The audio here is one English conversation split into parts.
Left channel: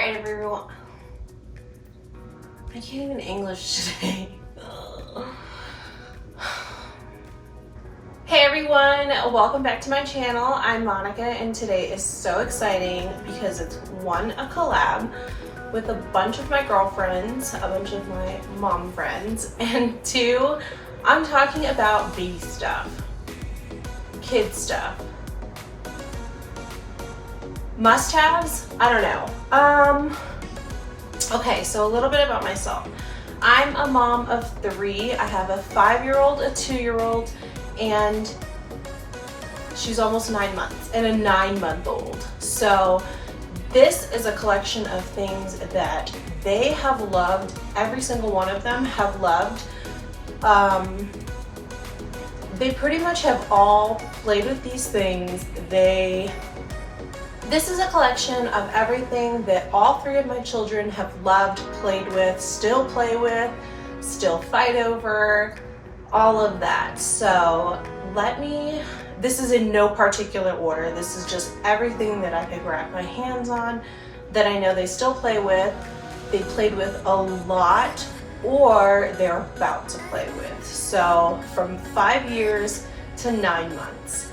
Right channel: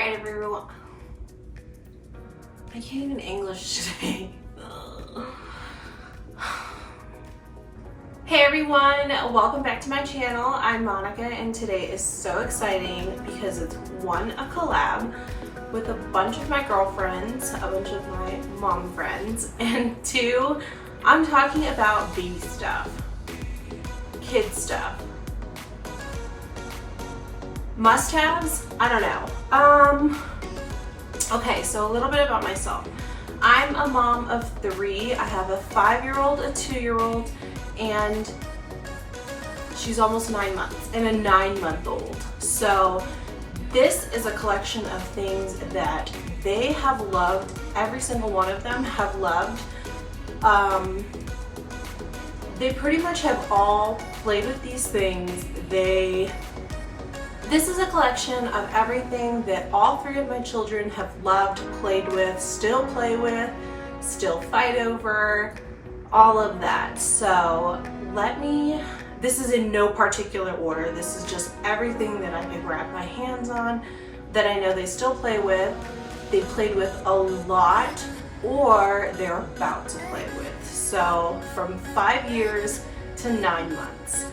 Alright everyone, I can't even English today. Hey everyone, welcome back to my channel. I'm Monica and today is so exciting because it's one, a collab with a bunch of my girlfriends, a bunch of my mom friends, and two, I'm talking about baby stuff, kid stuff. Must-haves? I don't know. Okay, so a little bit about myself. I'm a mom of 3. I have a 5-year-old, a 2-year-old, and she's almost 9 months, and a 9-month-old. So this is a collection of things that they have loved. Every single one of them have loved. They pretty much have all played with these things. This is a collection of everything that all 3 of my children have loved, played with, still play with, still fight over, all of that. So this is in no particular order. This is just everything that I could grab my hands on that I know they still play with, they played with a lot, or they're about to play with. So from 5 years to 9 months.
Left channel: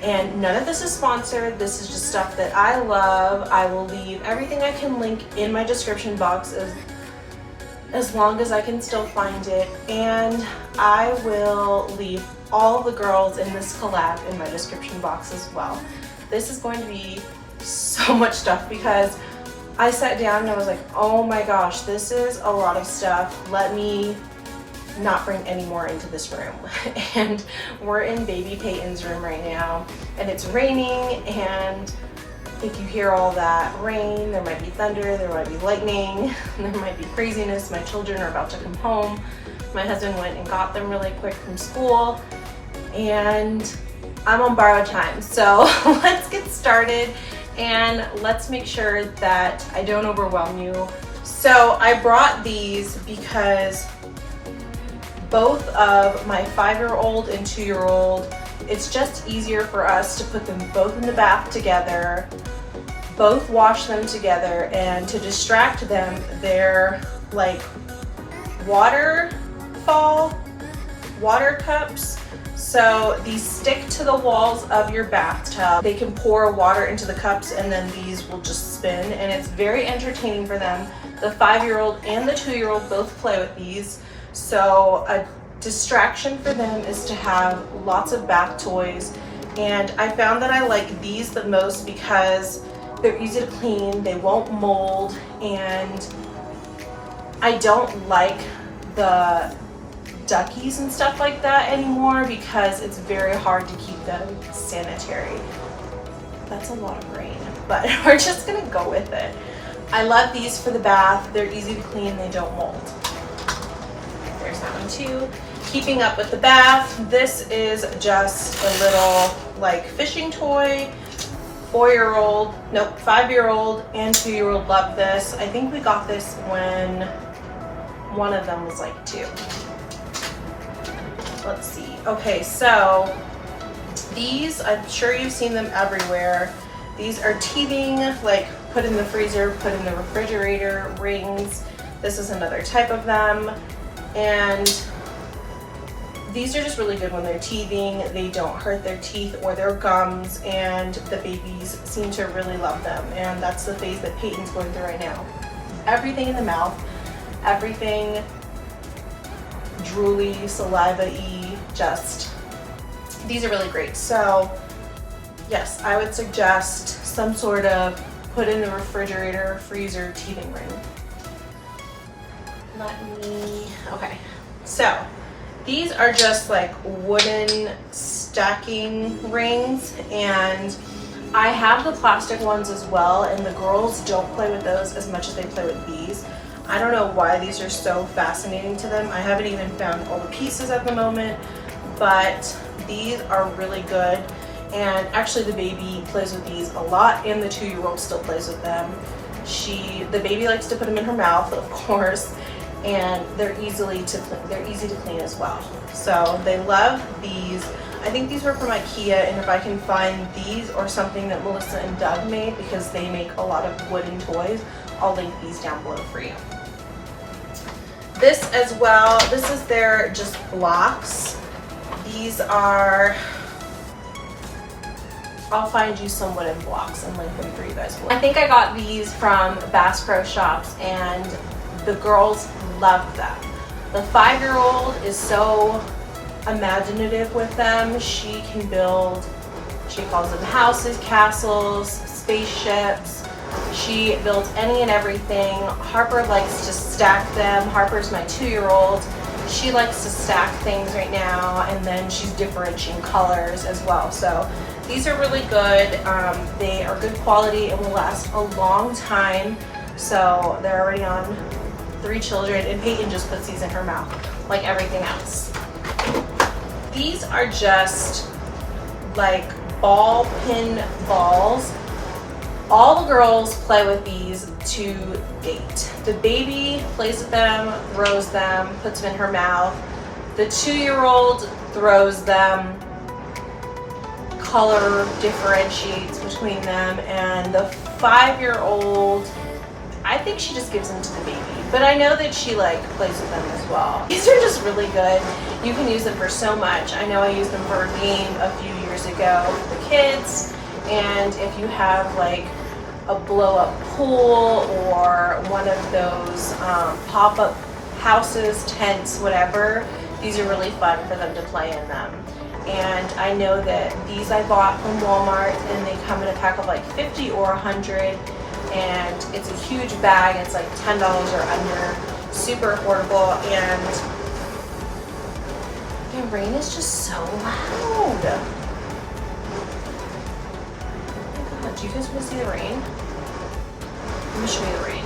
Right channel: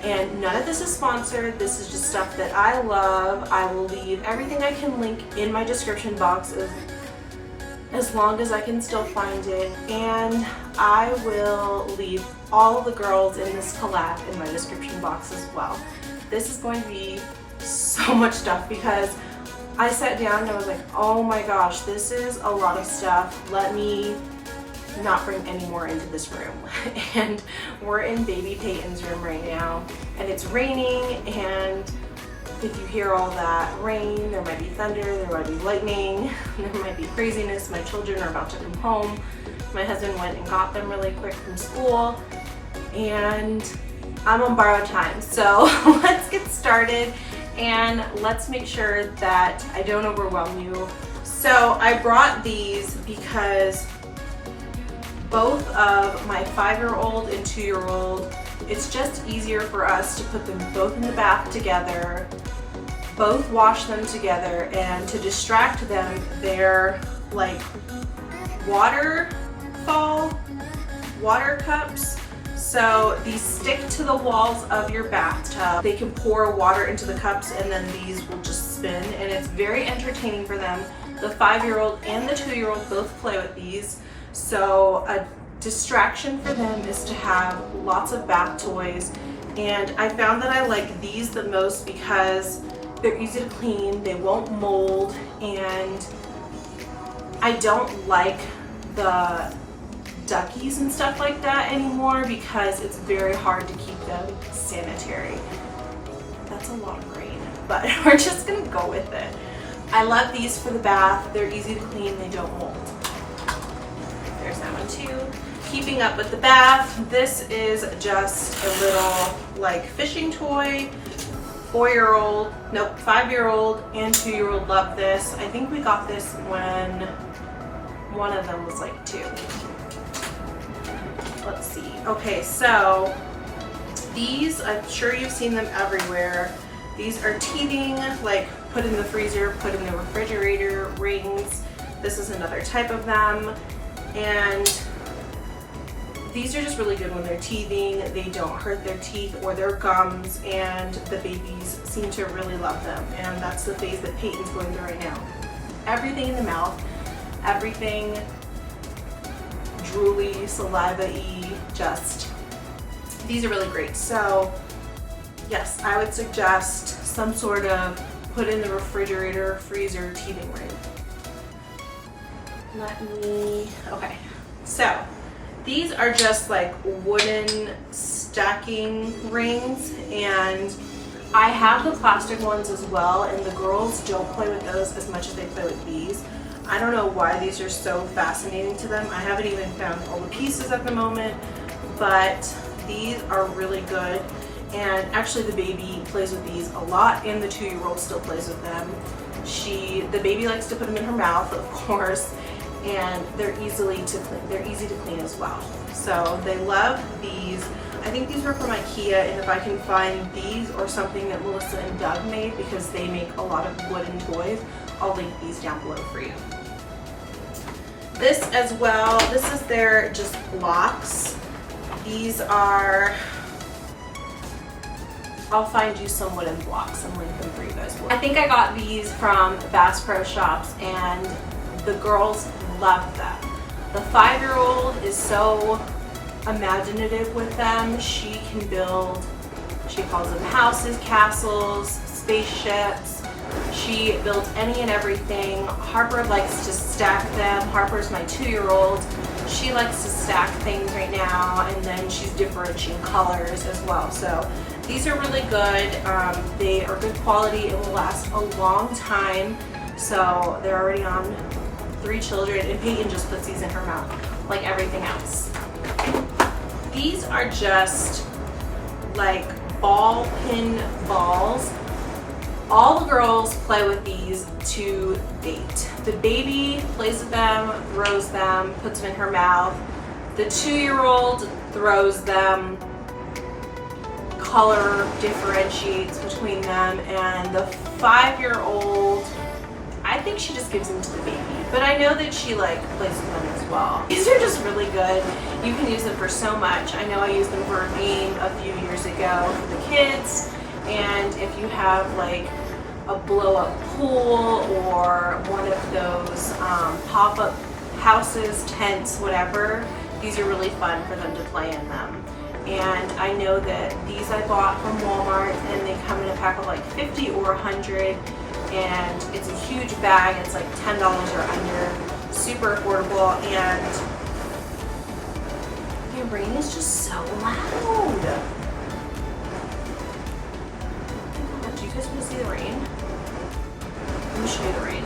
And none of this is sponsored. This is just stuff that I love. I will leave everything I can link in my description box as long as I can still find it. And I will leave all the girls in this collab in my description box as well. This is going to be so much stuff because I sat down and I was like, oh my gosh, this is a lot of stuff. Let me not bring any more into this room. And we're in baby Peyton's room right now, and it's raining, and if you hear all that rain, there might be thunder, there might be lightning, there might be craziness. My children are about to come home. My husband went and got them really quick from school, and I'm on borrowed time. So let's get started and let's make sure that I don't overwhelm you. So I brought these because both of my 5-year-old and 2-year-old, it's just easier for us to put them both in the bath together, both wash them together, and to distract them, they're like water cups. So these stick to the walls of your bathtub. They can pour water into the cups and then these will just spin, and it's very entertaining for them. The 5-year-old and the 2-year-old both play with these. So a distraction for them is to have lots of bath toys, and I found that I like these the most because they're easy to clean, they won't mold, and I don't like the duckies and stuff like that anymore because it's very hard to keep them sanitary. That's a lot of rain, but we're just gonna go with it. I love these for the bath. They're easy to clean, they don't mold. There's that one too. Keeping up with the bath, this is just a little like fishing toy. 5-year-old and 2-year-old love this. I think we got this when one of them was like 2. Let's see. Okay, so these, I'm sure you've seen them everywhere. These are teething, like put in the freezer, put in the refrigerator rings. This is another type of them. And these are just really good when they're teething. They don't hurt their teeth or their gums, and the babies seem to really love them. And that's the phase that Peyton's going through right now. Everything in the mouth, everything drooly, saliva-y, just, these are really great. So yes, I would suggest some sort of put in the refrigerator, freezer, teething ring. Okay, so these are just like wooden stacking rings, and I have the plastic ones as well, and the girls don't play with those as much as they play with these. I don't know why these are so fascinating to them. I haven't even found all the pieces at the moment, but these are really good. And actually the baby plays with these a lot, and the 2-year-old still plays with them. The baby likes to put them in her mouth, of course, and they're easy to clean as well. So they love these. I think these were from IKEA, and if I can find these or something that Melissa and Doug made, because they make a lot of wooden toys, I'll link these down below for you. This as well, this is their just blocks. These are, I'll find you some wooden blocks and link them for you guys. I think I got these from Bass Pro Shops, and the girls love them. The 5-year-old is so imaginative with them. She can build, she calls them houses, castles, spaceships. She builds any and everything. Harper likes to stack them. Harper's my 2-year-old. She likes to stack things right now, and then she's differentiating colors as well. So these are really good. They are good quality. It will last a long time. So they're already on 3 children, and Peyton just puts these in her mouth like everything else. These are just like ball pin balls. All the girls play with these to date. The baby plays with them, throws them, puts them in her mouth. The 2-year-old throws them, color differentiates between them, and the 5-year-old, I think she just gives them to the baby, but I know that she like plays with them as well. These are just really good. You can use them for so much. I know I used them for a game a few years ago for the kids, and if you have like a blow-up pool or one of those pop-up houses, tents, whatever, these are really fun for them to play in them. And I know that these I bought from Walmart, and they come in a pack of like 50 or 100. And it's a huge bag. It's like $10 or under, super affordable, and the rain is just so loud. Do you guys want to see the rain? Let me show you the rain.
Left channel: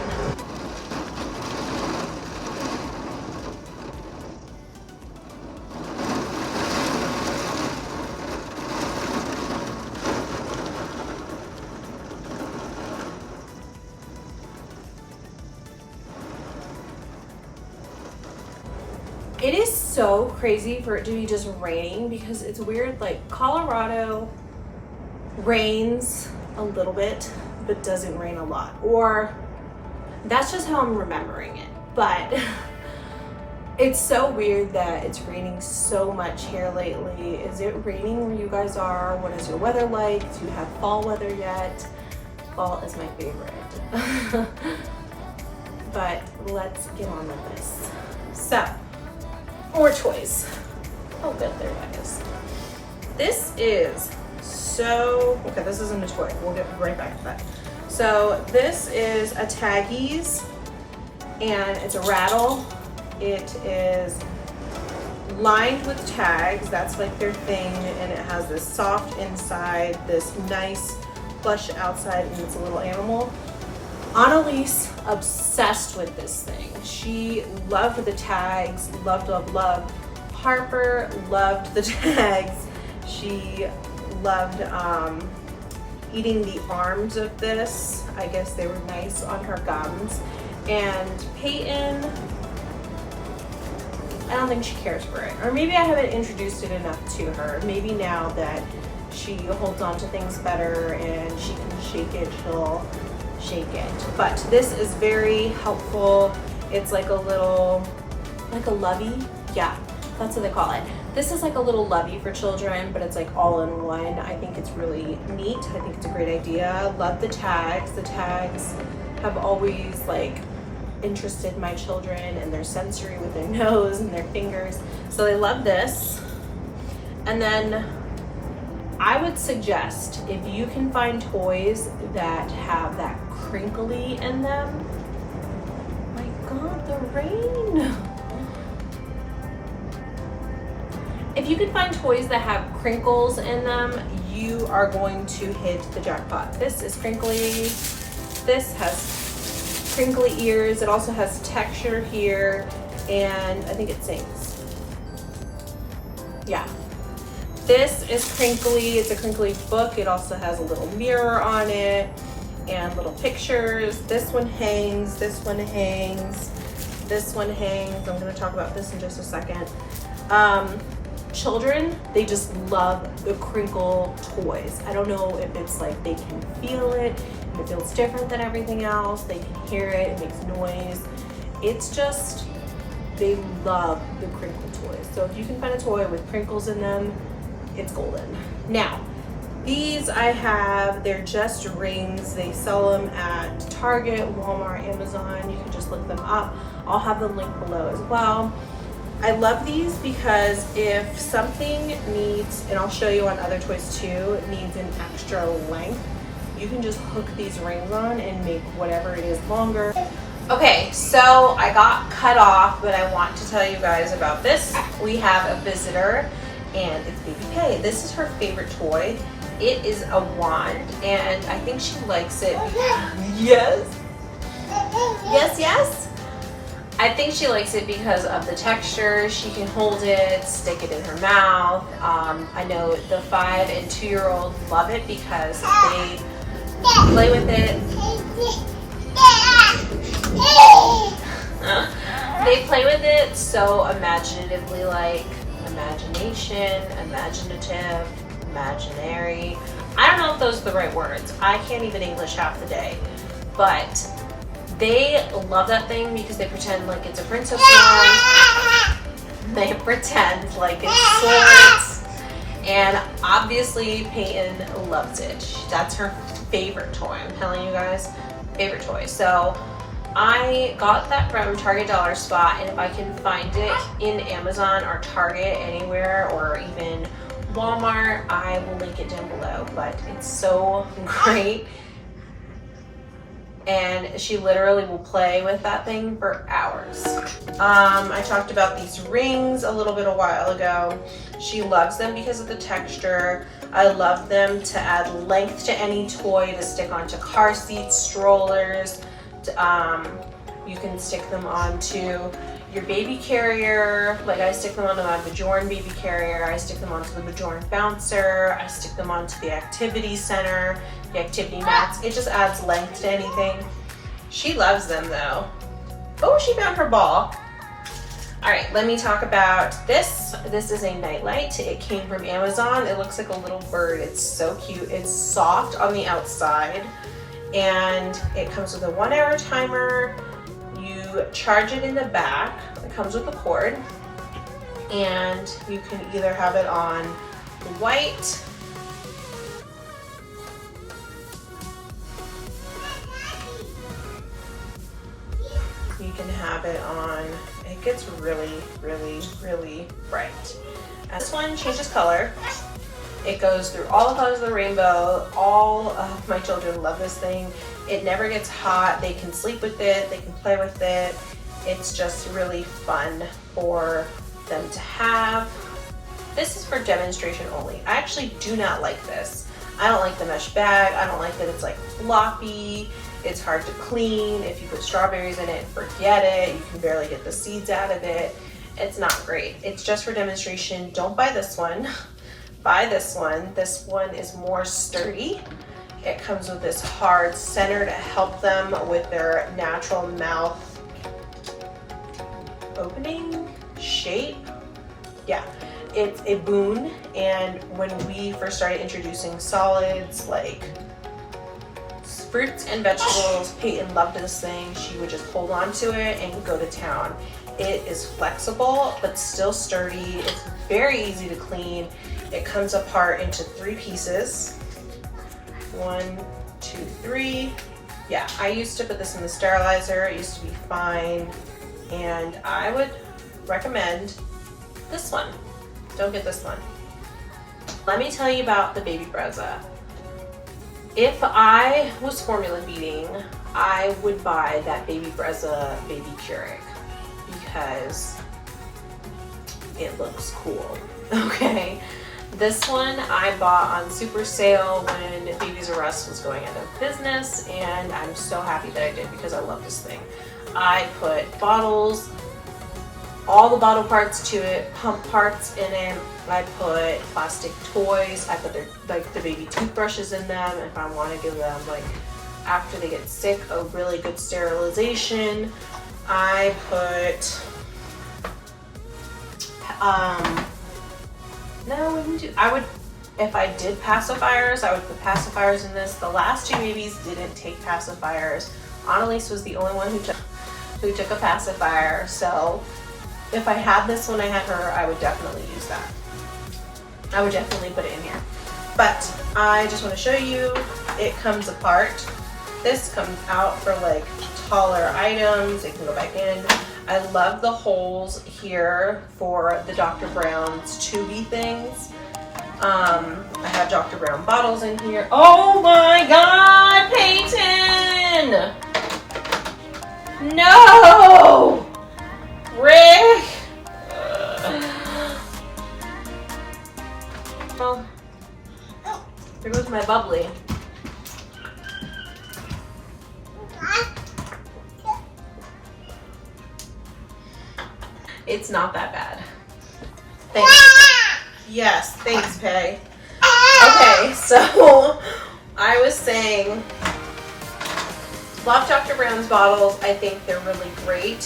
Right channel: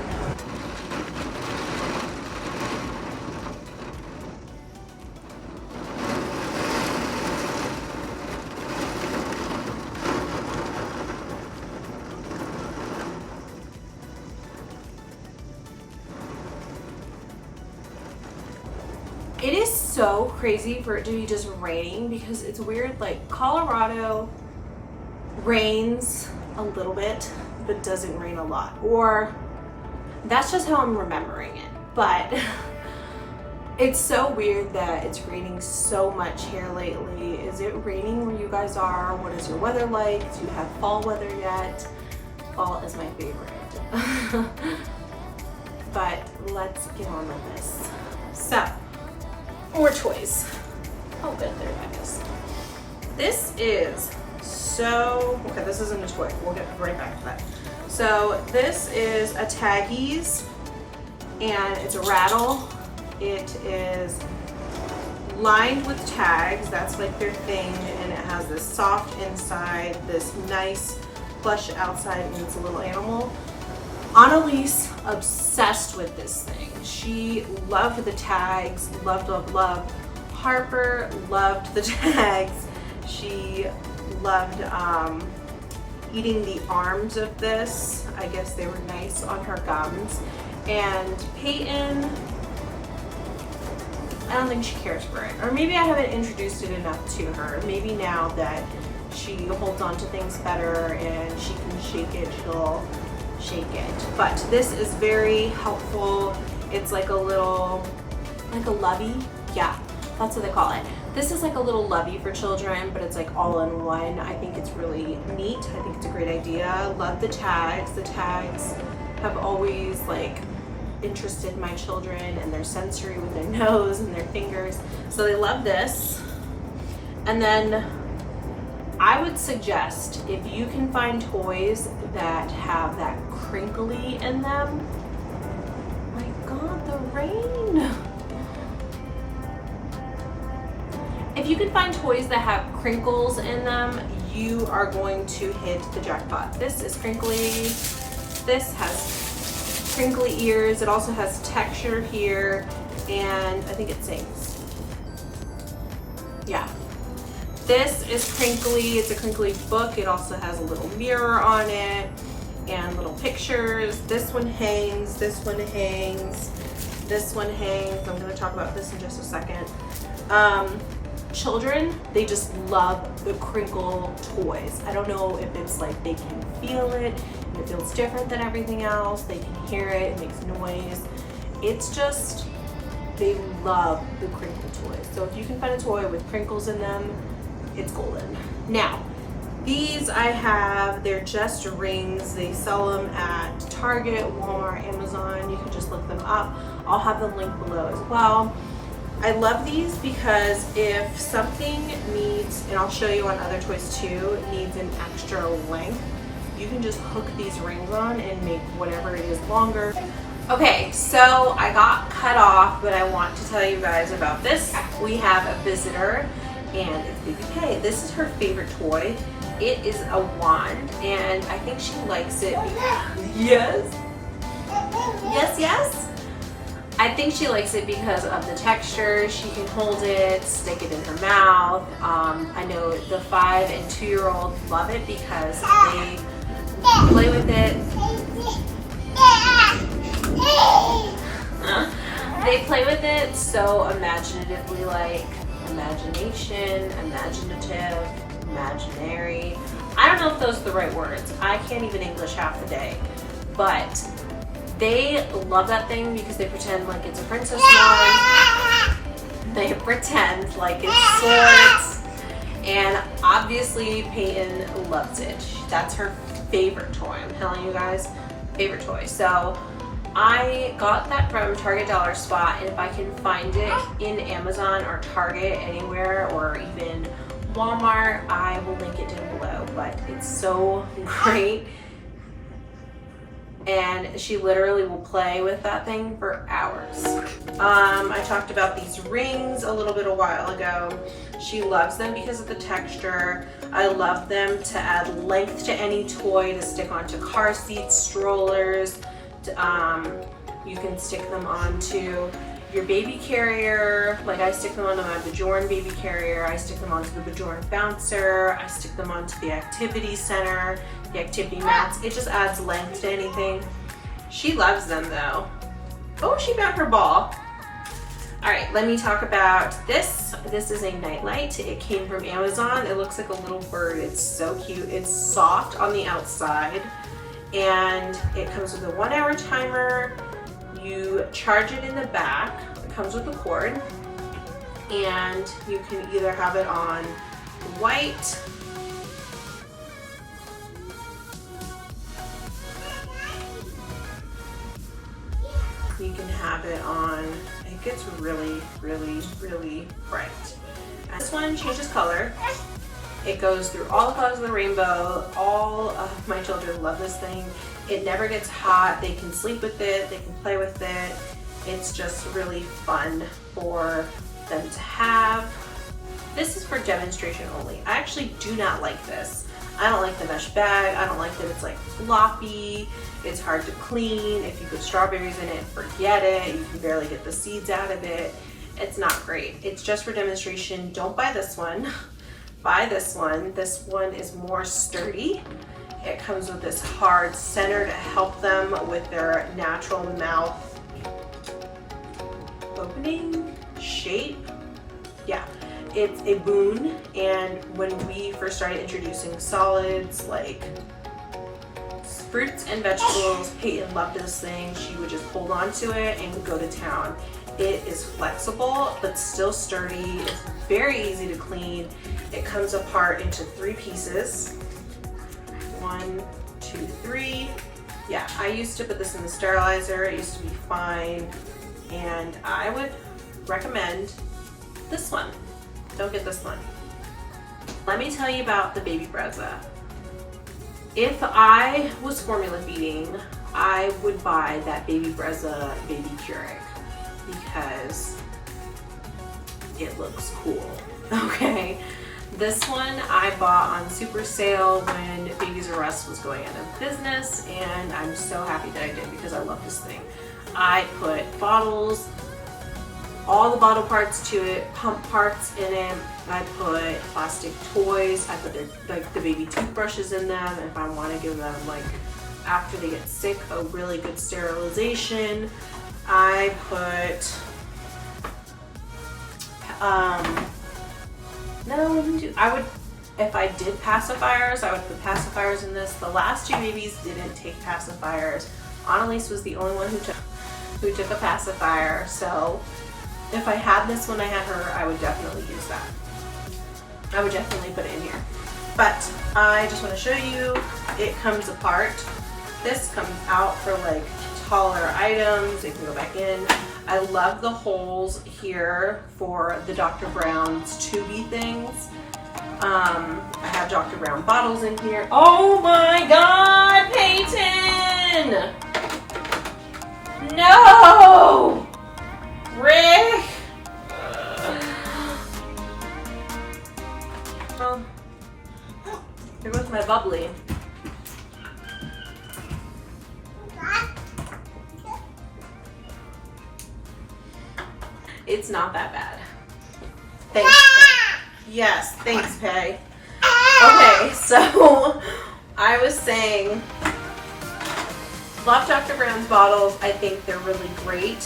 It is so crazy for it to be just raining, because it's weird, like Colorado rains a little bit but doesn't rain a lot, or that's just how I'm remembering it. But it's so weird that it's raining so much here lately. Is it raining where you guys are? What is your weather like? Do you have fall weather yet? Fall is my favorite. But let's get on with this. So, more toys. Oh good, there that is. This is so, okay, this isn't a toy. We'll get right back to that. So this is a Taggies, and it's a rattle. It is lined with tags. That's like their thing, and it has this soft inside, this nice plush outside, and it's a little animal. Annalise, obsessed with this thing. She loved the tags, loved. Harper loved the tags. She loved eating the arms of this. I guess they were nice on her gums. And Peyton, I don't think she cares for it. Or maybe I haven't introduced it enough to her. Maybe now that she holds on to things better and she can shake it, she'll shake it. But this is very helpful. It's like a little, like a lovey. Yeah, that's what they call it. This is like a little lovey for children, but it's like all in one. I think it's really neat. I think it's a great idea. Love the tags. The tags have always like interested my children, and their sensory with their nose and their fingers. So they love this. And then I would suggest, if you can find toys that have that crinkly in them, my God, the rain. If you can find toys that have crinkles in them, you are going to hit the jackpot. This is crinkly. This has crinkly ears. It also has texture here, and I think it sings. Yeah. This is crinkly. It's a crinkly book. It also has a little mirror on it and little pictures. This one hangs. This one hangs. this one hangs. I'm going to talk about this in just a second. Children, they just love the crinkle toys. I don't know if it's like they can feel it, and it feels different than everything else. They can hear it, it makes noise. It's just, they love the crinkle toys. So if you can find a toy with crinkles in them, it's golden. Now, these I have, they're just rings. They sell them at Target, Walmart, Amazon. You can just look them up. I'll have them linked below as well. I love these because if something needs, and I'll show you on other toys too, needs an extra length, you can just hook these rings on and make whatever it is longer. Okay, so I got cut off, but I want to tell you guys about this. We have a visitor, and it's Baby Kay. This is her favorite toy. It is a wand, and I think she likes it because, yes. I think she likes it because of the texture. She can hold it, stick it in her mouth. I know the 5 and 2-year-olds love it because they play with it. They play with it so imaginatively, like imagination, imaginative, imaginary. I don't know if those are the right words. I can't even English half the day, but they love that thing because they pretend like it's a princess wand. They pretend like it's swords. And obviously Peyton loves it. That's her favorite toy. I'm telling you guys, favorite toy. So I got that from Target Dollar Spot, and if I can find it in Amazon or Target anywhere, or even Walmart, I will link it down below. But it's so great. And she literally will play with that thing for hours. I talked about these rings a little bit a while ago. She loves them because of the texture. I love them to add length to any toy, to stick onto car seats, strollers. You can stick them onto your baby carrier. Like I stick them onto my Bjorn baby carrier. I stick them onto the Bjorn bouncer. I stick them onto the activity center, the activity mats. It just adds length to anything. She loves them though. Oh, she found her ball. All right, let me talk about this. This is a Nightlight. It came from Amazon. It looks like a little bird. It's so cute. It's soft on the outside, and it comes with a 1-hour timer. You charge it in the back. It comes with a cord, and you can either have it on white, you can have it on, it gets really, really, really bright. And this one changes color. It goes through all the colors of the rainbow. All of my children love this thing. It never gets hot. They can sleep with it. They can play with it. It's just really fun for them to have. This is for demonstration only. I actually do not like this. I don't like the mesh bag. I don't like that it's like floppy. It's hard to clean. If you put strawberries in it, forget it. You can barely get the seeds out of it. It's not great. It's just for demonstration. Don't buy this one. Buy this one. This one is more sturdy. It comes with this hard center to help them with their natural mouth opening shape. Yeah, it's a boon. And when we first started introducing solids like fruits and vegetables, Peyton loved this thing. She would just hold on to it and go to town. It is flexible but still sturdy. It's very easy to clean. It comes apart into 3 pieces. 1, 2, 3. Yeah, I used to put this in the sterilizer. It used to be fine. And I would recommend this one. Don't get this one. Let me tell you about the baby Brezza. If I was formula feeding, I would buy that baby Brezza baby Keurig because it looks cool. Okay. This one I bought on super sale when Babies R Us was going out of business, and I'm so happy that I did because I love this thing. I put bottles, all the bottle parts to it, pump parts in it. I put plastic toys. I put the baby toothbrushes in them if I want to give them, like, after they get sick, a really good sterilization. I put, no, I would, if I did pacifiers, I would put pacifiers in this. The last two babies didn't take pacifiers. Annalise was the only one who took a pacifier. So if I had this when I had her, I would definitely use that. I would definitely put it in here. But I just want to show you, it comes apart. This comes out for like taller items. It can go back in. I love the holes here for the Dr. Brown's tubey things. I have Dr. Brown bottles in here. Oh my God, Peyton! No! Rick! Well, there goes my bubbly. It's not that bad. Thanks. Yes, thanks, Peg. Okay, so I was saying, love Dr. Brown's bottles. I think they're really great.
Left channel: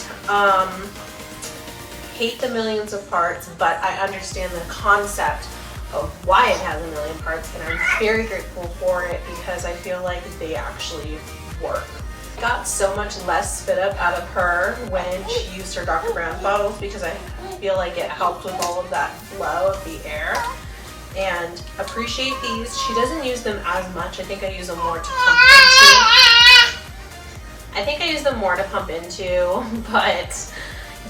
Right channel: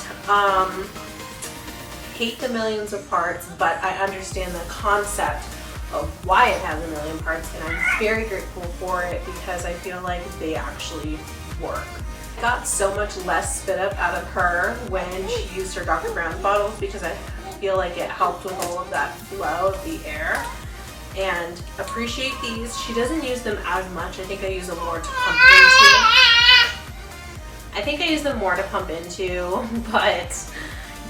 Hate the millions of parts, but I understand the concept of why it has a million parts, and I'm very grateful for it because I feel like they actually work. Got so much less spit up out of her when she used her Dr. Brown bottles because I feel like it helped with all of that flow of the air. And appreciate these. She doesn't use them as much. I think I use them more to pump into. But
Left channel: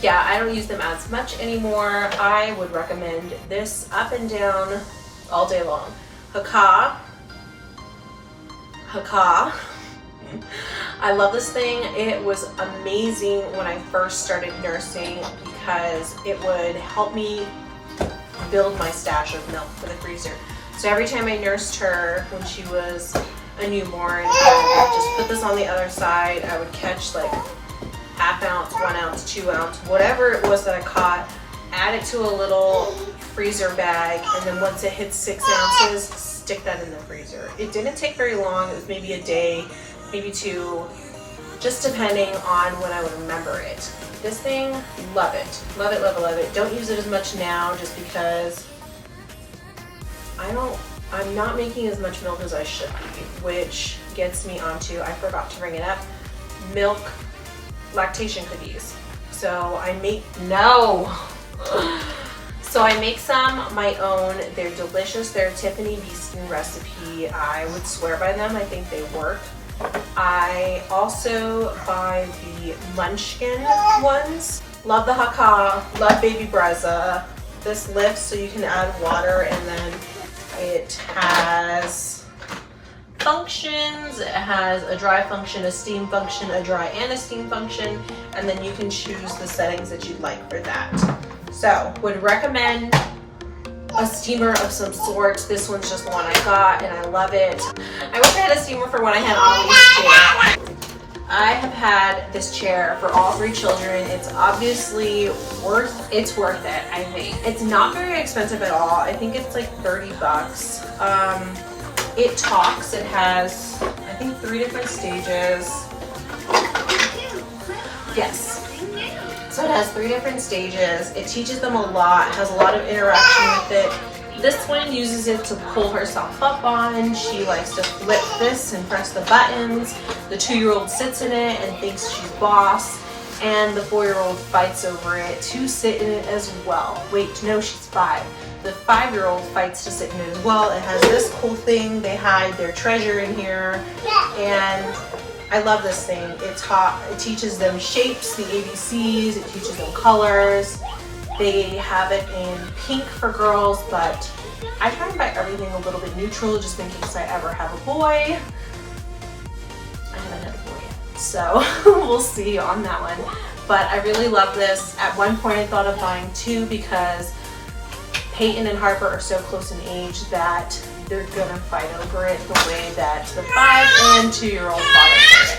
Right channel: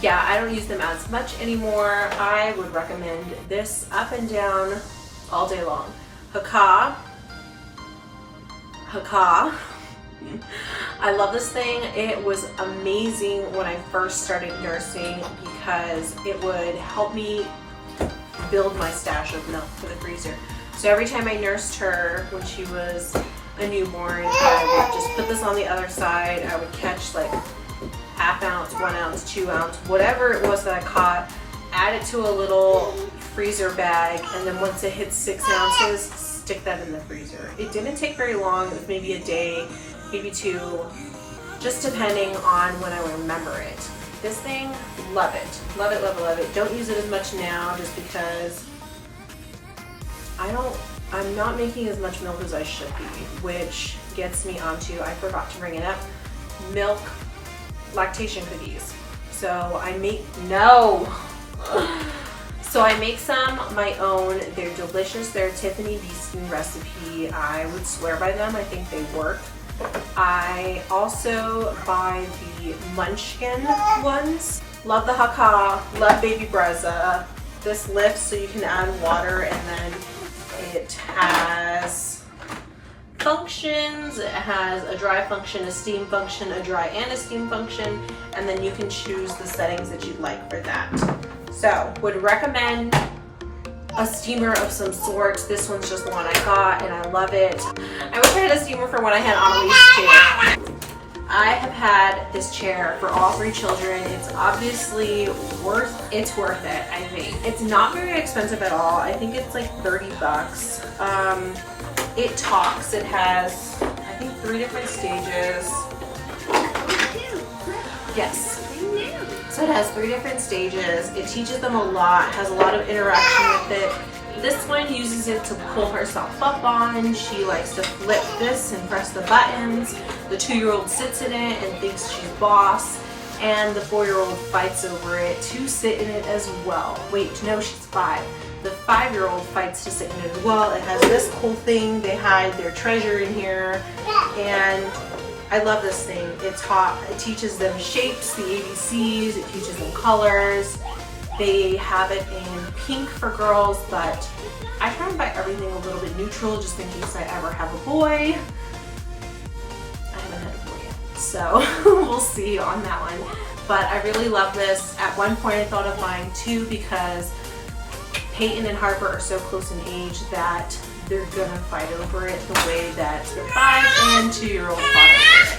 yeah, I don't use them as much anymore. I would recommend this up and down all day long. Haakaa. I love this thing. It was amazing when I first started nursing because it would help me build my stash of milk for the freezer. So every time I nursed her when she was a newborn, I would just put this on the other side. I would catch like ½ ounce, 1 ounce, 2 ounce, whatever it was that I caught, add it to a little freezer bag, and then once it hits 6 ounces, stick that in the freezer. It didn't take very long. It was maybe a day, maybe 2, just depending on when I would remember it. This thing, love it. Love it, love it, love it. Don't use it as much now just because I'm not making as much milk as I should be, which gets me onto, I forgot to bring it up, milk lactation cookies. So I make some my own. They're delicious. They're a Tiffany Beeston recipe. I would swear by them. I think they work. I also buy the Munchkin ones. Love the Haakaa. Love baby Brezza. This lifts so you can add water, and then it has functions. It has a dry function, a steam function, a dry and a steam function, and then you can choose the settings that you'd like for that. So would recommend a steamer of some sort. This one's just the one I got and I love it. I wish I had a steamer for when I had Annalise's chair. I have had this chair for all 3 children. It's obviously worth it, I think. It's not very expensive at all. I think it's like 30 bucks. It talks. It has, I think, 3 different stages. Yes. So it has 3 different stages. It teaches them a lot. It has a lot of interaction with it. This one uses it to pull herself up on. She likes to flip this and press the buttons. The 2-year-old sits in it and thinks she's boss. And the 4-year-old fights over it to sit in it as well. Wait, no, she's 5. The 5-year-old fights to sit in it as well. It has this cool thing. They hide their treasure in here. And I love this thing. It's hot. It teaches them shapes, the ABCs. It teaches them colors. They have it in pink for girls, but I try to buy everything a little bit neutral just in case I ever have a boy. I haven't had a boy yet, so we'll see on that one. But I really love this. At one point I thought of buying 2 because Peyton and Harper are so close in age that they're gonna fight over it the way that the 5 and 2-year-old fought over it.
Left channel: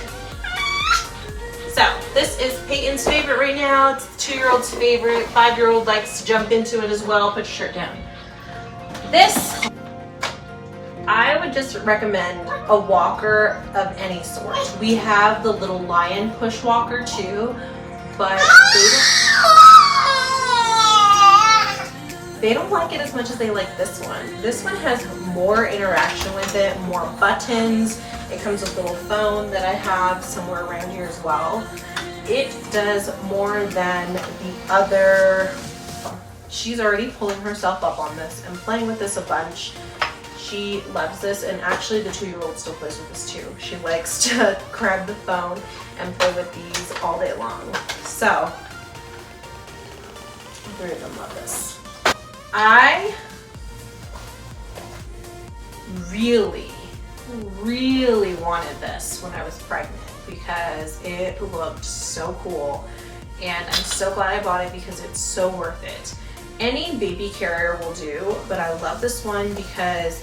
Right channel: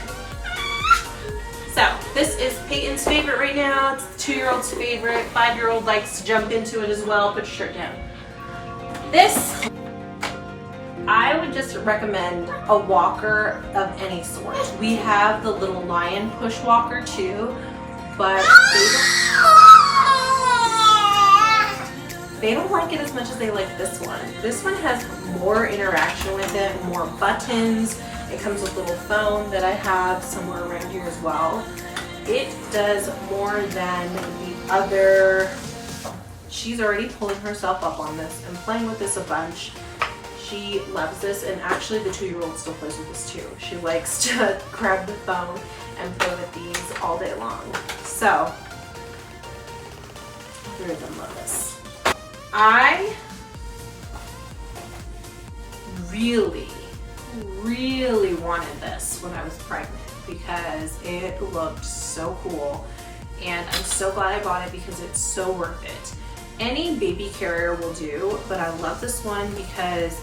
So this is Peyton's favorite right now. It's the 2-year-old's favorite. 5-year-old likes to jump into it as well. Put your shirt down. This, I would just recommend a walker of any sort. We have the little Lion push walker too. but they don't like it as much as they like this one. This one has more interaction with it, more buttons. It comes with a little phone that I have somewhere around here as well. It does more than the other. She's already pulling herself up on this and playing with this a bunch. She loves this, and actually the 2-year-old still plays with this too. She likes to grab the phone and play with these all day long. So, I really love this. I really wanted this when I was pregnant because it looked so cool, and I'm so glad I bought it because it's so worth it. Any baby carrier will do, but I love this one because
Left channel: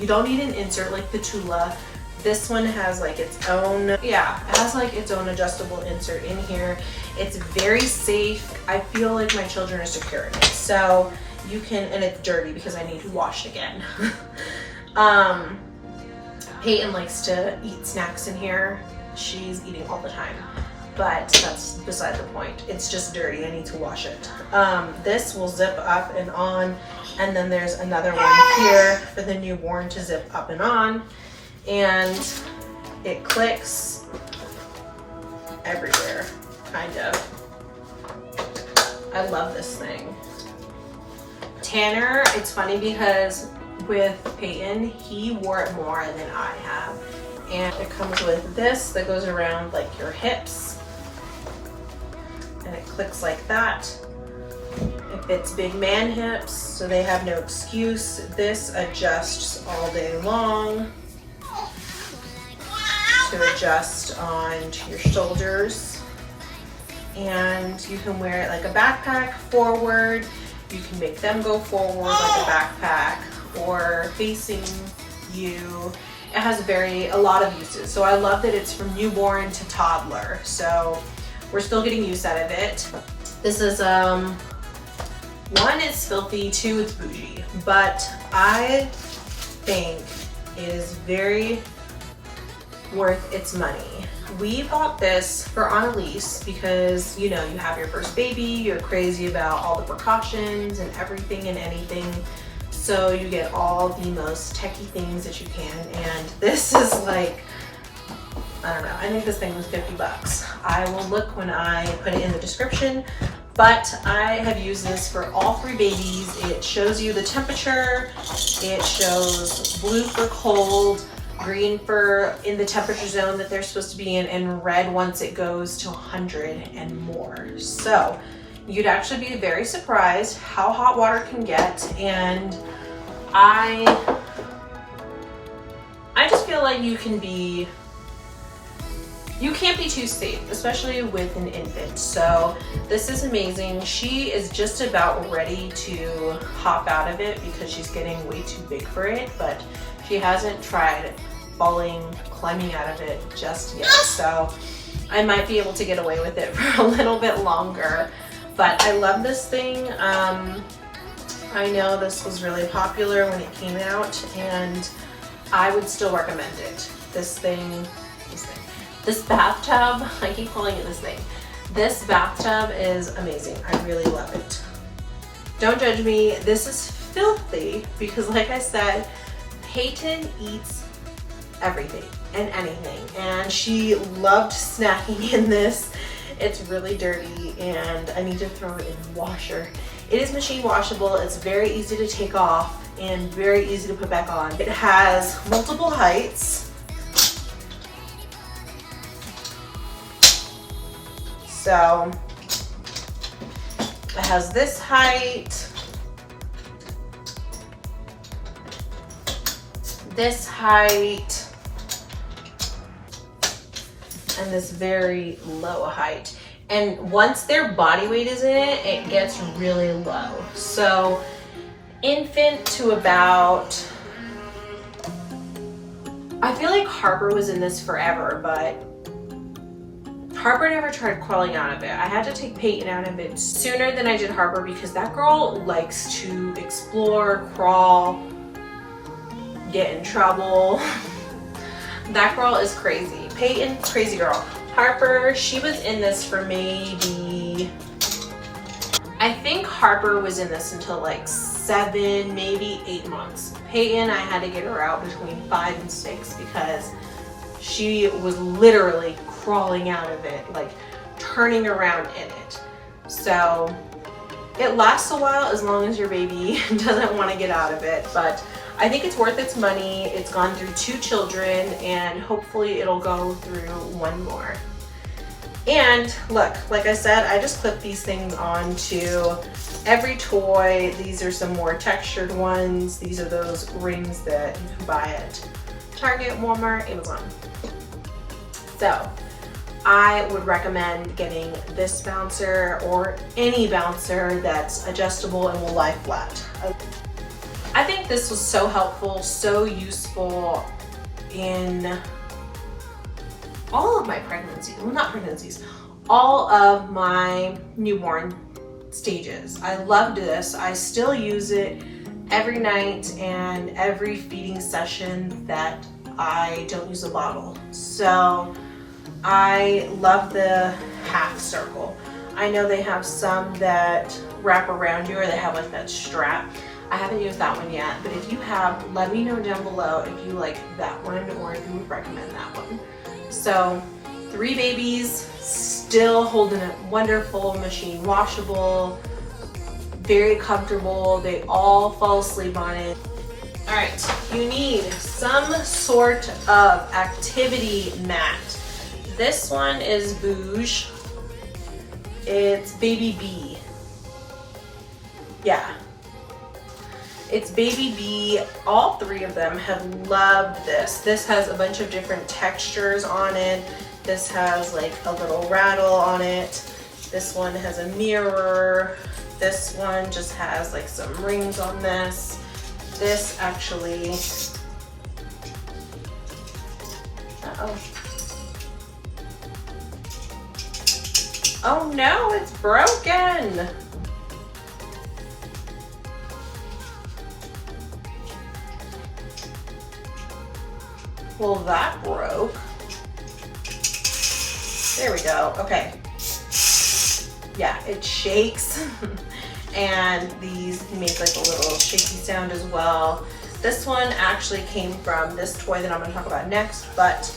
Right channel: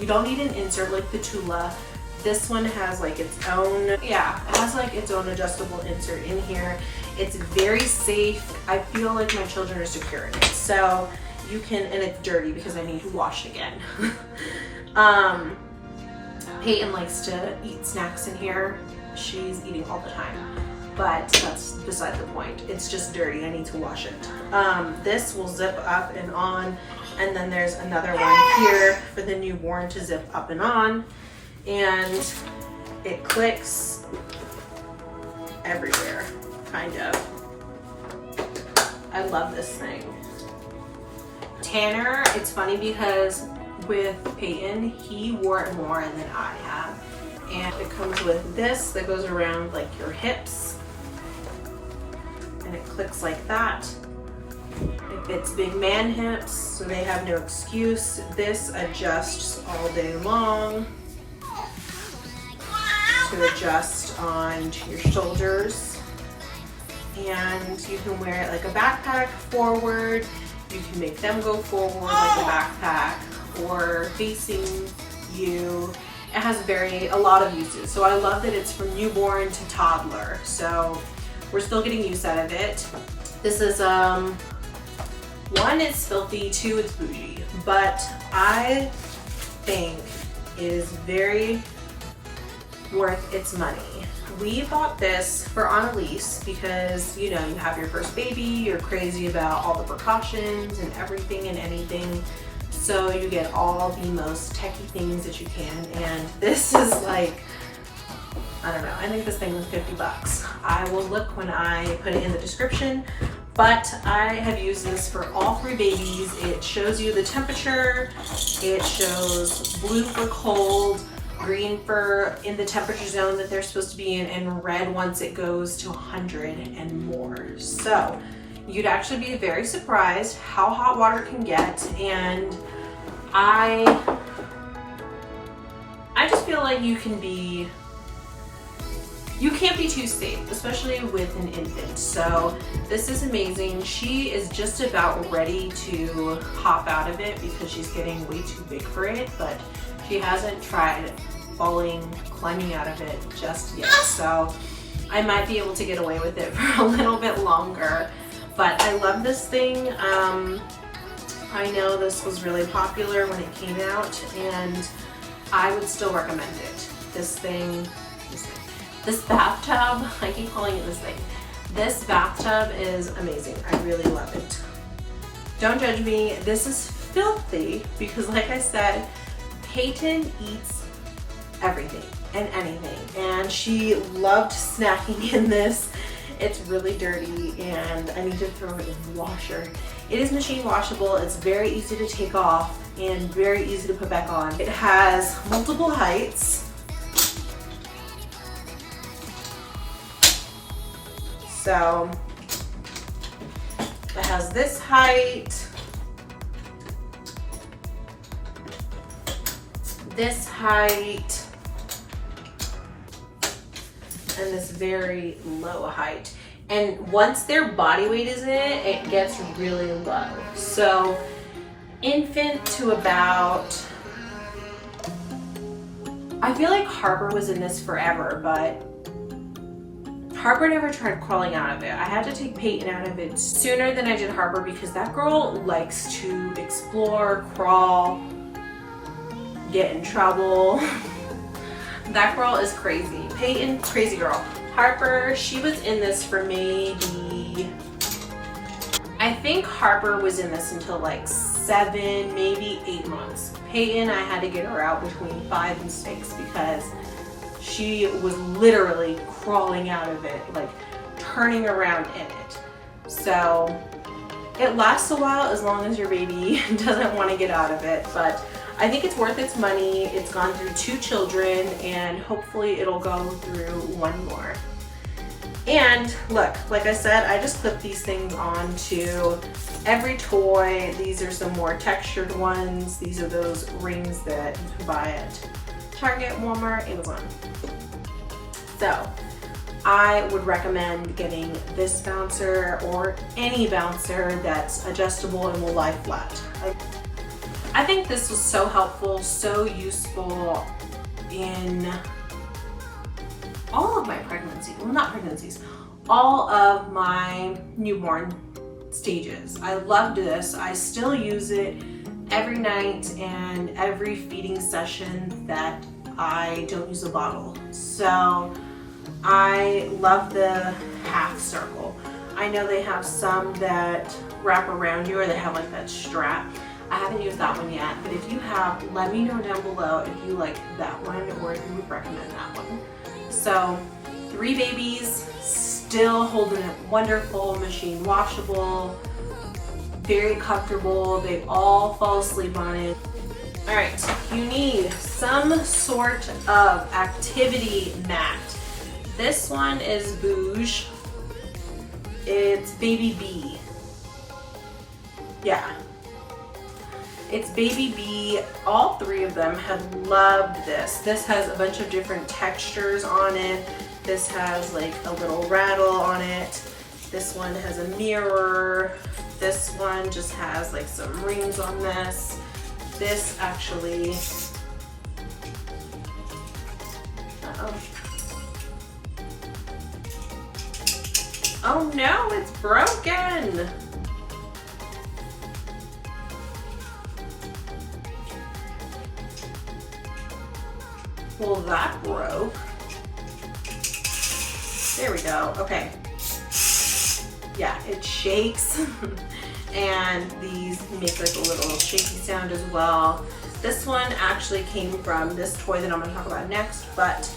you don't need an insert like the Tula. This one has like its own, it has like its own adjustable insert in here. It's very safe. I feel like my children are secure in it. So you can, and it's dirty because I need to wash it again. Peyton likes to eat snacks in here. She's eating all the time, but that's beside the point. It's just dirty, I need to wash it. This will zip up and on, and then there's another one here for the newborn to zip up and on, and it clicks everywhere, kind of. I love this thing. Tanner, it's funny because with Peyton, he wore it more than I have. And it comes with this that goes around like your hips. And it clicks like that. It fits big man hips, so they have no excuse. This adjusts all day long to adjust onto your shoulders. And you can wear it like a backpack forward. You can make them go forward like a backpack or facing you. It has a lot of uses. So I love that it's from newborn to toddler. So we're still getting use out of it. This is, 1, it's filthy, 2, it's bougie. But I think it is very worth its money. We bought this for Annalise because, you know, you have your first baby, you're crazy about all the precautions and everything and anything. So you get all the most techie things that you can. And this is like, I don't know, I think this thing was 50 bucks. I will look when I put it in the description, but I have used this for all 3 babies. It shows you the temperature. It shows blue for cold, green for in the temperature zone that they're supposed to be in, and red once it goes to 100 and more. So you'd actually be very surprised how hot water can get. And I just feel like you can't be too safe, especially with an infant. So this is amazing. She is just about ready to hop out of it because she's getting way too big for it, but she hasn't tried climbing out of it just yet. So I might be able to get away with it for a little bit longer. But I love this thing. I know this was really popular when it came out, and I would still recommend it. This bathtub, I keep calling it this thing. This bathtub is amazing. I really love it. Don't judge me. This is filthy because, like I said, Peyton eats everything and anything, and she loved snacking in this. It's really dirty and I need to throw it in the washer. It is machine washable. It's very easy to take off and very easy to put back on. It has multiple heights. So it has this height, this height, and this very low height. And once their body weight is in it, it gets really low. So infant to about, I feel like Harper was in this forever, but Harper never tried crawling out of it. I had to take Peyton out of it sooner than I did Harper because that girl likes to explore, crawl, get in trouble. That girl is crazy. Peyton, crazy girl. Harper, she was in this for maybe, I think Harper was in this until like 7, maybe 8 months. Peyton, I had to get her out between 5 and 6 because she was literally crawling out of it, like turning around in it. So it lasts a while as long as your baby doesn't want to get out of it, but I think it's worth its money. It's gone through 2 children and hopefully it'll go through 1 more. And look, like I said, I just clip these things onto every toy. These are some more textured ones. These are those rings that you can buy at Target, Walmart, Amazon. So I would recommend getting this bouncer or any bouncer that's adjustable and will lie flat. I think this was so helpful, so useful in all of my pregnancies, well, not pregnancies, all of my newborn stages. I loved this. I still use it every night and every feeding session that I don't use a bottle. So I love the half circle. I know they have some that wrap around you or they have like that strap. I haven't used that one yet, but if you have, let me know down below if you like that one or if you would recommend that one. So 3 babies, still holding it wonderful, machine washable, very comfortable. They all fall asleep on it. All right, you need some sort of activity mat. This one is Bouge. It's Baby B. Yeah. It's Baby B. All 3 of them have loved this. This has a bunch of different textures on it. This has like a little rattle on it. This one has a mirror. This one just has like some rings on this. This actually, oh no, it's broken. Well, that broke. There we go. Okay. Yeah, it shakes. And these make like a little shaky sound as well. This one actually came from this toy that I'm going to talk about next, but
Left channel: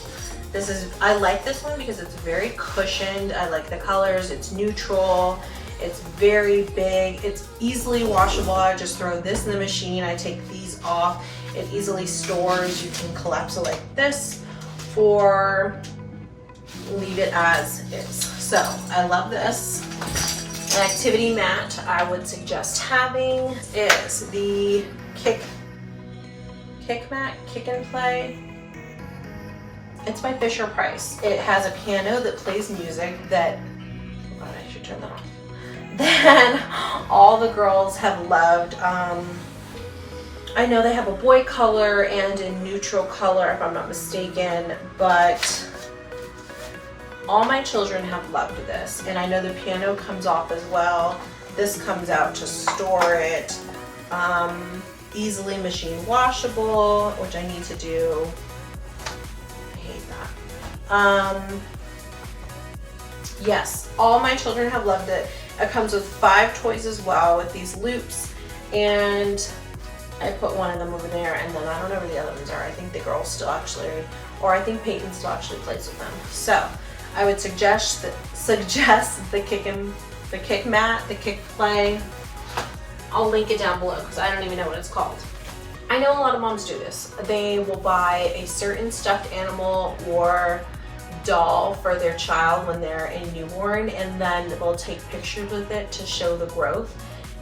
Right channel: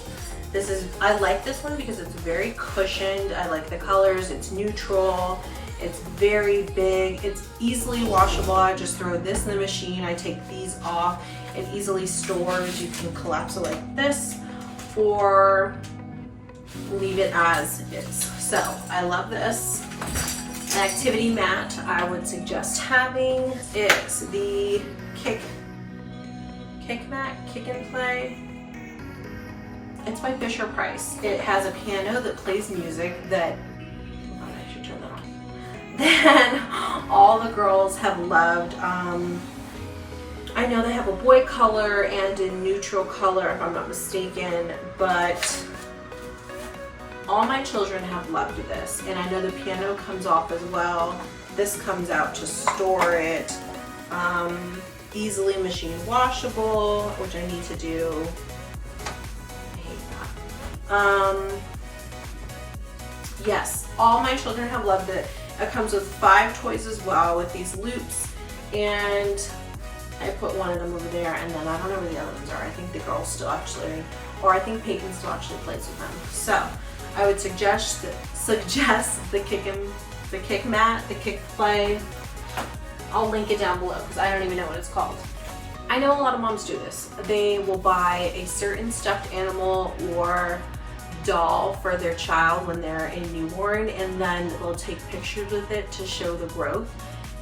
this is, I like this one because it's very cushioned. I like the colors. It's neutral. It's very big. It's easily washable. I just throw this in the machine. I take these off. It easily stores. You can collapse it like this or leave it as is. So I love this. An activity mat I would suggest having is the kick mat, Kick and Play. It's by Fisher Price. It has a piano that plays music that, oh, I should turn that off. Then all the girls have loved. I know they have a boy color and a neutral color if I'm not mistaken, but all my children have loved this, and I know the piano comes off as well. This comes out to store it. Easily machine washable, which I need to do. I hate that. Yes, all my children have loved it. It comes with 5 toys as well with these loops, and I put one of them over there, and then I don't know where the other ones are. I think the girls still actually, or I think Peyton still actually plays with them. So I would suggest the kick mat, the kick play. I'll link it down below because I don't even know what it's called. I know a lot of moms do this. They will buy a certain stuffed animal or doll for their child when they're a newborn, and then they'll take pictures with it to show the growth.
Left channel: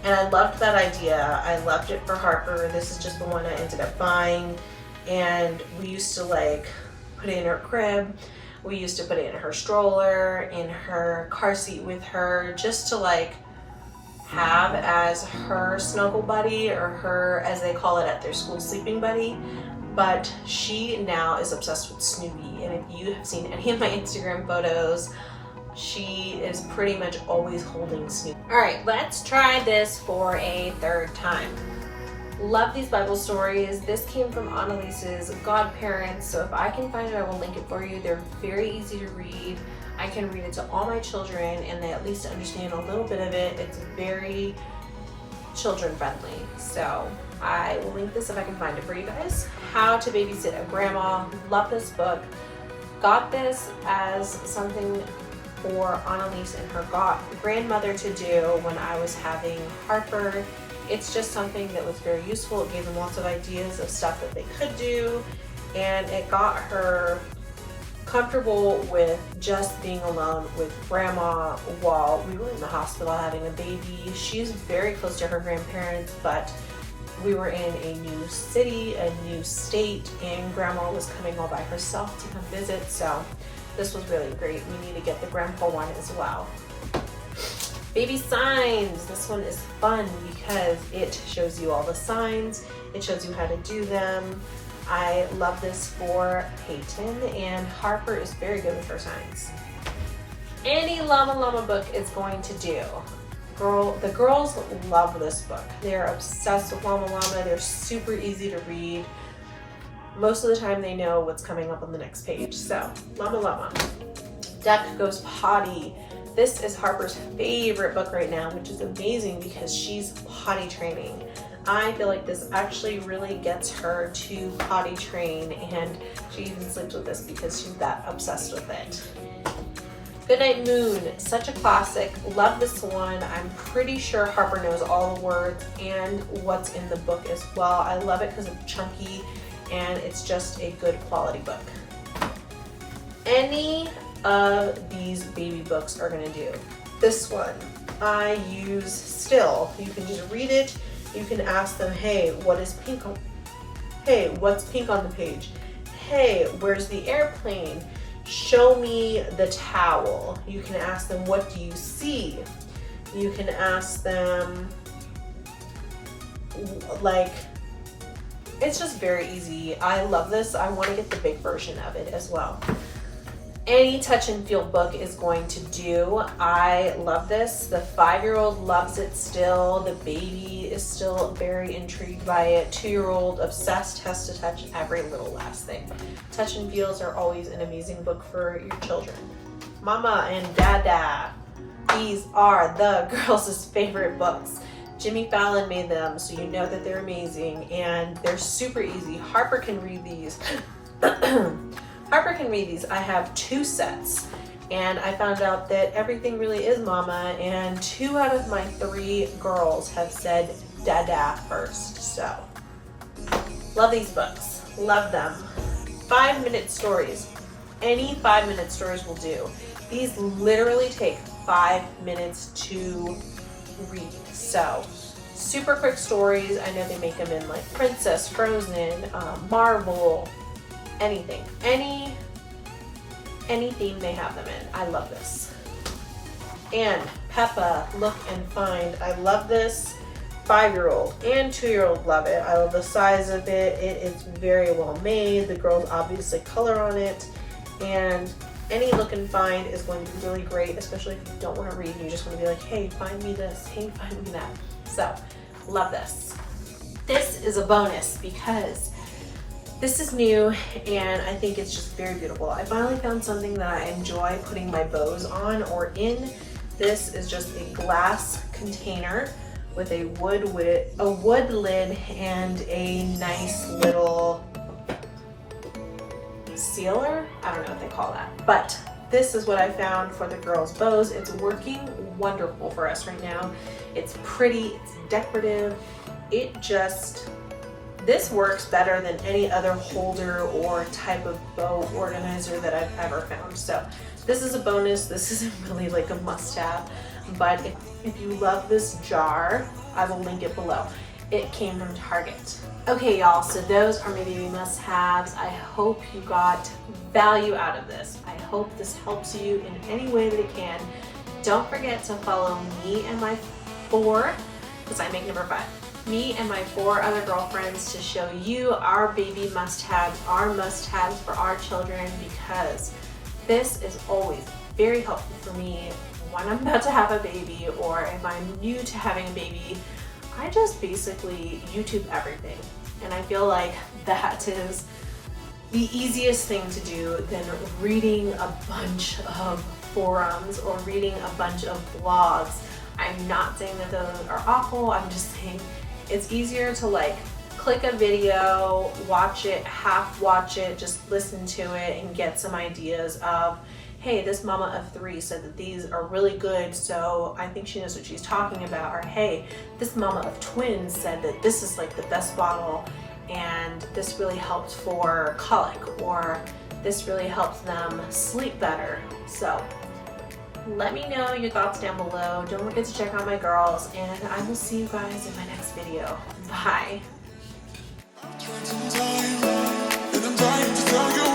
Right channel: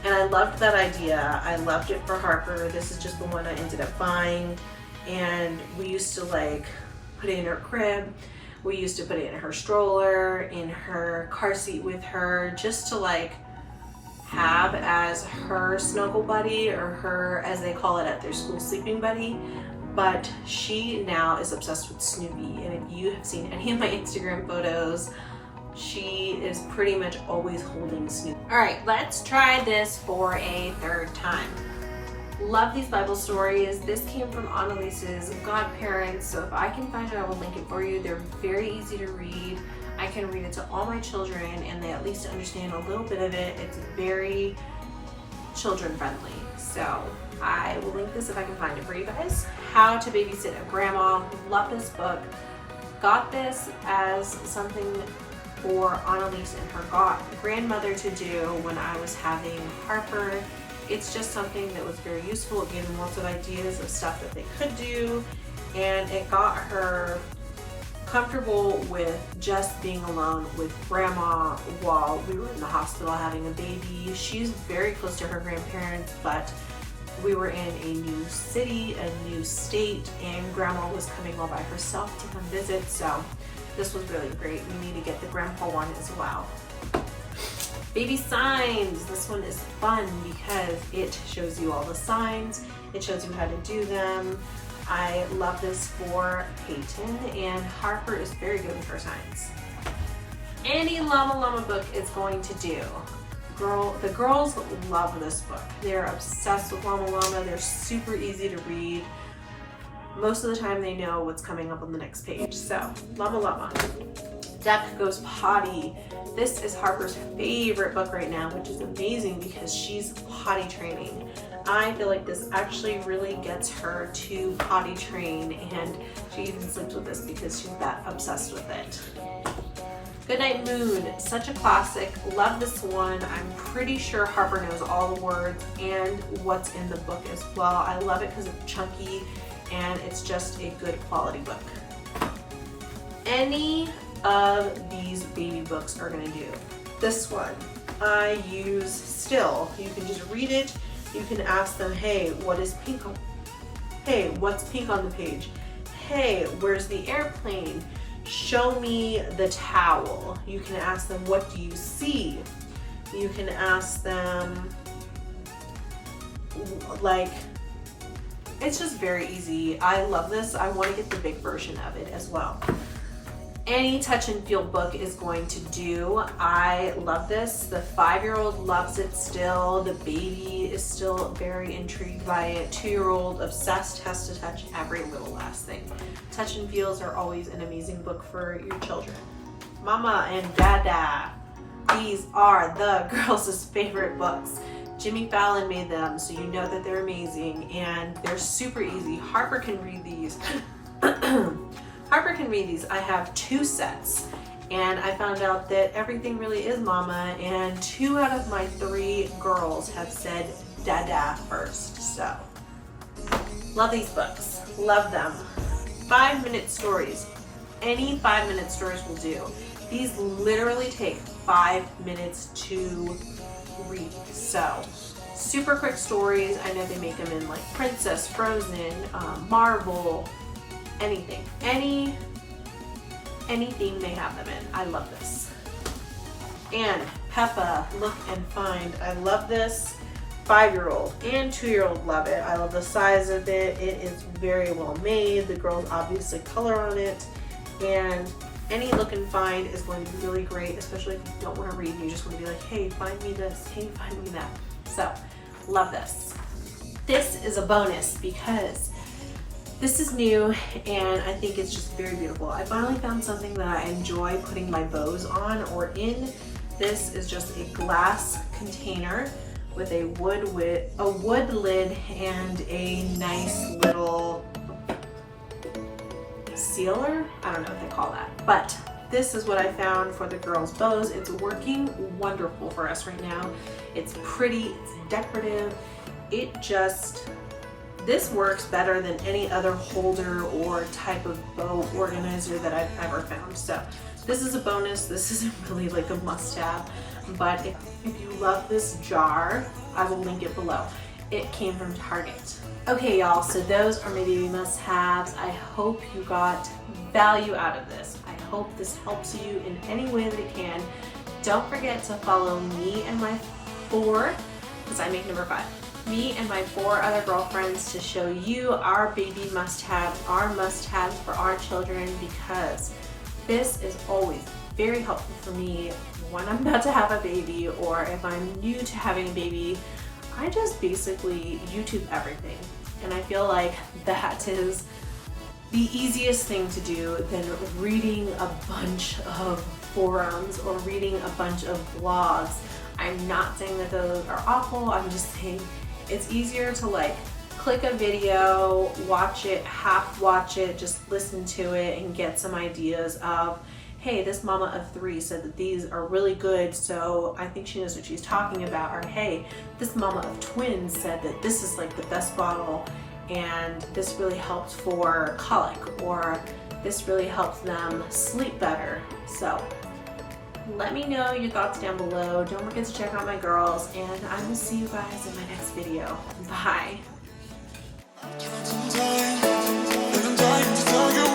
And I loved that idea. I loved it for Harper. This is just the one I ended up buying, and we used to like put it in her crib. We used to put it in her stroller, in her car seat with her, just to like have as her snuggle buddy, or her, as they call it at their school, sleeping buddy. But she now is obsessed with Snoopy, and if you have seen any of my Instagram photos, she is pretty much always holding Snoopy. All right, let's try this for a 3rd time. Love these Bible stories. This came from Annalise's godparents, so if I can find it, I will link it for you. They're very easy to read. I can read it to all my children and they at least understand a little bit of it. It's very children friendly. So I will link this if I can find it for you guys. How to Babysit a Grandma. Love this book. Got this as something for Annalise and her grandmother to do when I was having Harper. It's just something that was very useful. It gave them lots of ideas of stuff that they could do, and it got her comfortable with just being alone with grandma while we were in the hospital having a baby. She's very close to her grandparents, but we were in a new city, a new state, and grandma was coming all by herself to come visit, so this was really great. We need to get the grandpa one as well. Baby signs. This one is fun because it shows you all the signs. It shows you how to do them. I love this for Peyton, and Harper is very good with her signs. Any Llama Llama book is going to do. The girls love this book. They're obsessed with Llama Llama. They're super easy to read. Most of the time they know what's coming up on the next page. So, Llama Llama. Duck Goes Potty. This is Harper's favorite book right now, which is amazing because she's potty training. I feel like this actually really gets her to potty train, and she even sleeps with this because she's that obsessed with it. Goodnight Moon, such a classic. Love this one. I'm pretty sure Harper knows all the words and what's in the book as well. I love it because it's chunky and it's just a good quality book. Any of these baby books are gonna do. This one I use still. You can just read it. You can ask them, hey, what is pink on? Hey, what's pink on the page? Hey, where's the airplane? Show me the towel. You can ask them, what do you see? You can ask them, like, it's just very easy. I love this. I want to get the big version of it as well. Any touch and feel book is going to do. I love this. The 5-year-old loves it still. The baby is still very intrigued by it. 2-year-old obsessed, has to touch every little last thing. Touch and feels are always an amazing book for your children. Mama and Dada. These are the girls' favorite books. Jimmy Fallon made them, so you know that they're amazing, and they're super easy. Harper can read these. Harper can read these. I have 2 sets, and I found out that everything really is mama, and 2 out of my 3 girls have said Dada first, so. Love these books. Love them. 5-minute stories. Any 5-minute stories will do. These literally take 5 minutes to read, so super quick stories. I know they make them in like Princess, Frozen, Marvel, anything, any theme they have them in. I love this. And Peppa, Look and Find. I love this. 5-year-old and 2-year-old love it. I love the size of it. It is very well made. The girls obviously color on it, and any Look and Find is going to be really great, especially if you don't want to read and you just want to be like, hey, find me this, hey, find me that. So, love this. This is a bonus because this is new and I think it's just very beautiful. I finally found something that I enjoy putting my bows on or in. This is just a glass container with a wood lid and a nice little sealer. I don't know what they call that, but this is what I found for the girls' bows. It's working wonderful for us right now. It's pretty, it's decorative. This works better than any other holder or type of bow organizer that I've ever found. So this is a bonus. This isn't really like a must-have, but if you love this jar, I will link it below. It came from Target. Okay, y'all, so those are my baby must-haves. I hope you got value out of this. I hope this helps you in any way that it can. Don't forget to follow me and my 4, because I make number 5. Me and my 4 other girlfriends to show you our baby must-haves, our must-haves for our children, because this is always very helpful for me when I'm about to have a baby or if I'm new to having a baby. I just basically YouTube everything, and I feel like that is the easiest thing to do than reading a bunch of forums or reading a bunch of blogs. I'm not saying that those are awful, I'm just saying it's easier to like click a video, watch it, half watch it, just listen to it and get some ideas of, hey, this mama of 3 said that these are really good, so I think she knows what she's talking about. Or hey, this mama of twins said that this is like the best bottle and this really helped for colic, or this really helps them sleep better. So let me know your thoughts down below. Don't forget to check out my girls, and I will see you guys in my next video. Bye. Some time, and I'm dying to tell you